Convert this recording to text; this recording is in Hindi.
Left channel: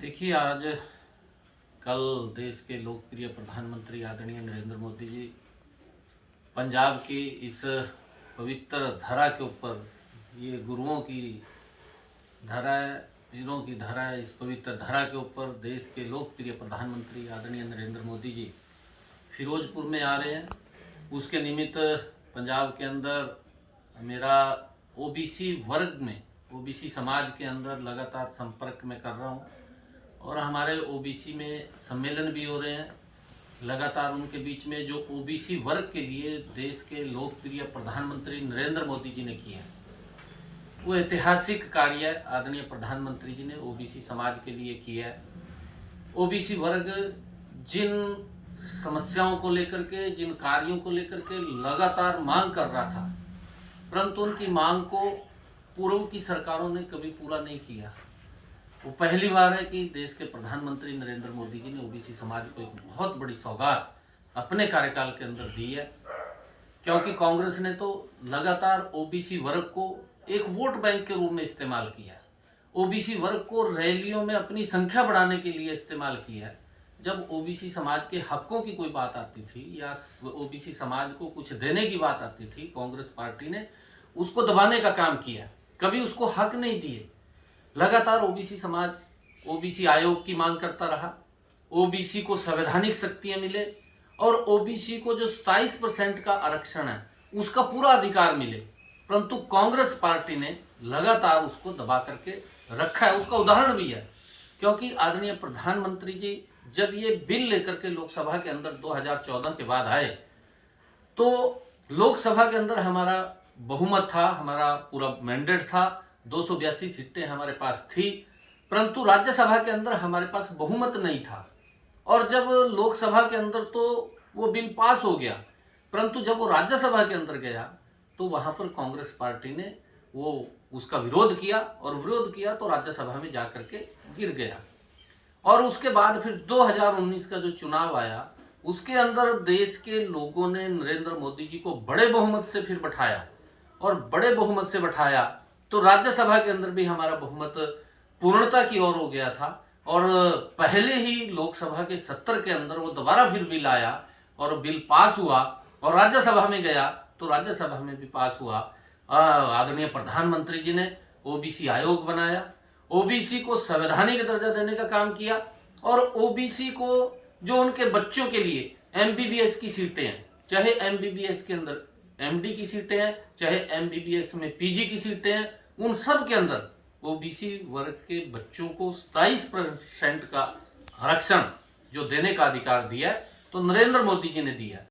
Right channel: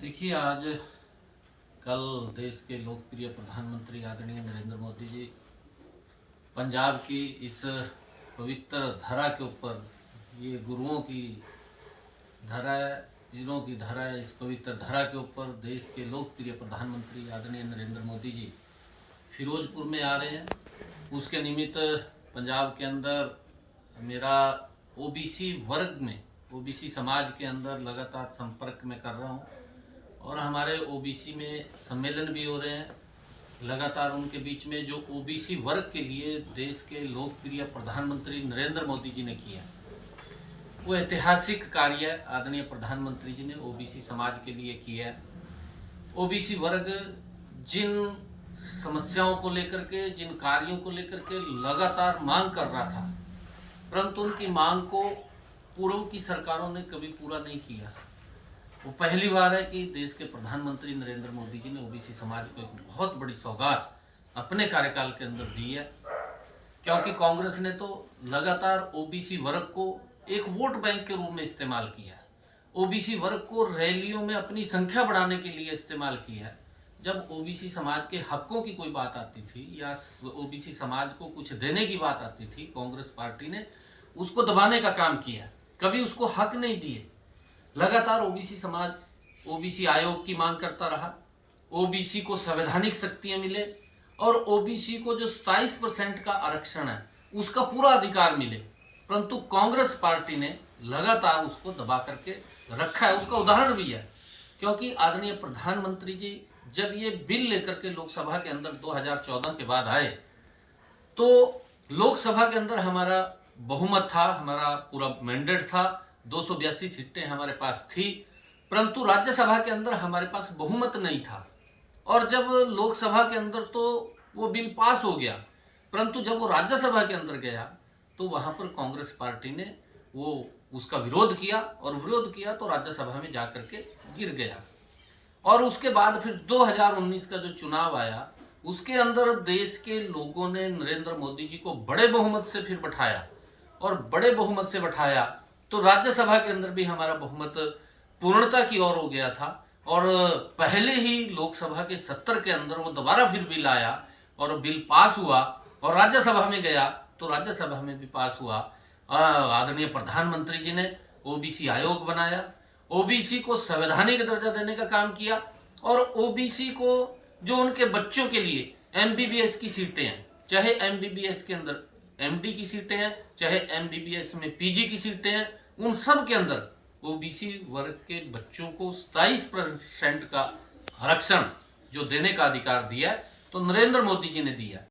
देखिए, आज कल देश के लोकप्रिय प्रधानमंत्री आदरणीय नरेंद्र मोदी जी पंजाब की इस पवित्र धरा के ऊपर, ये गुरुओं की धरा है, पीरों की धरा है, इस पवित्र धरा के ऊपर देश के लोकप्रिय प्रधानमंत्री आदरणीय नरेंद्र मोदी जी फिरोजपुर में आ रहे हैं। उसके निमित्त पंजाब के अंदर मेरा ओबीसी वर्ग में, ओबीसी समाज के अंदर लगातार संपर्क में कर रहा हूँ और हमारे ओबीसी में सम्मेलन भी हो रहे हैं लगातार। उनके बीच में जो ओबीसी वर्ग के लिए देश के लोकप्रिय प्रधानमंत्री नरेंद्र मोदी जी ने किया है, वो ऐतिहासिक कार्य आदरणीय प्रधानमंत्री जी ने ओबीसी समाज के लिए किया है। ओबीसी वर्ग जिन समस्याओं को लेकर के, जिन कार्यों को लेकर के लगातार मांग कर रहा था, परंतु उनकी मांग को पूर्व की सरकारों ने कभी पूरा नहीं किया। वो पहली बार है कि देश के प्रधानमंत्री नरेंद्र मोदी जी ने ओबीसी समाज को एक बहुत बड़ी सौगात अपने कार्यकाल के अंदर दी है, क्योंकि कांग्रेस ने तो लगातार ओबीसी वर्ग को एक वोट बैंक के रूप में इस्तेमाल किया है, ओबीसी वर्ग को रैलियों में अपनी संख्या बढ़ाने के लिए इस्तेमाल किया है। जब ओबीसी समाज के हकों की कोई बात आती थी या ओबीसी समाज को कुछ देने की बात आती थी, कांग्रेस पार्टी ने उसको दबाने का काम किया, कभी उसको हक नहीं दिए। लगातार ओबीसी समाज ओबीसी आयोग की मांग करता रहा, ओबीसी को संवैधानिक शक्तियां मिले और ओबीसी को जो 27% का आरक्षण है उसका पूरा अधिकार मिले, परंतु कांग्रेस पार्टी ने लगातार उसको दबा करके रखा है। उसका उदाहरण भी है, क्योंकि आदरणीय प्रधानमंत्री जी जब ये बिल लेकर के लोकसभा के अंदर 2014 के बाद आए, तो लोकसभा के अंदर हमारा बहुमत था, हमारा पूरा मैंडेट था, 282 सीटें हमारे पास थी, परंतु राज्यसभा के अंदर हमारे पास बहुमत नहीं था। और जब लोकसभा के अंदर तो वो बिल पास हो गया, परंतु जब वो राज्यसभा के अंदर गया तो वहां पर कांग्रेस पार्टी ने वो उसका विरोध किया और विरोध किया तो राज्यसभा में जाकर के गिर गया। और उसके बाद फिर 2019 का जो चुनाव आया, उसके अंदर देश के लोगों ने नरेंद्र मोदी जी को बड़े बहुमत से फिर बैठाया और बड़े बहुमत से बैठाया तो राज्यसभा के अंदर भी हमारा बहुमत पूर्णता की ओर हो गया था। और पहले ही लोकसभा के 70 के अंदर वो दोबारा फिर बिल आया और बिल पास हुआ और राज्यसभा में गया तो राज्यसभा में भी पास हुआ। आदरणीय प्रधानमंत्री जी ने ओबीसी आयोग बनाया, ओबीसी को संवैधानिक दर्जा देने का काम किया और ओबीसी को जो उनके बच्चों के लिए एमबीबीएस की सीटें हैं, चाहे एमबीबीएस के अंदर एमडी की सीटें हैं, चाहे एमबीबीएस में पीजी की सीटें हैं, उन सब के अंदर ओबीसी वर्ग के बच्चों को 27% का आरक्षण जो देने का अधिकार दिया है, तो नरेंद्र मोदी जी ने दिया।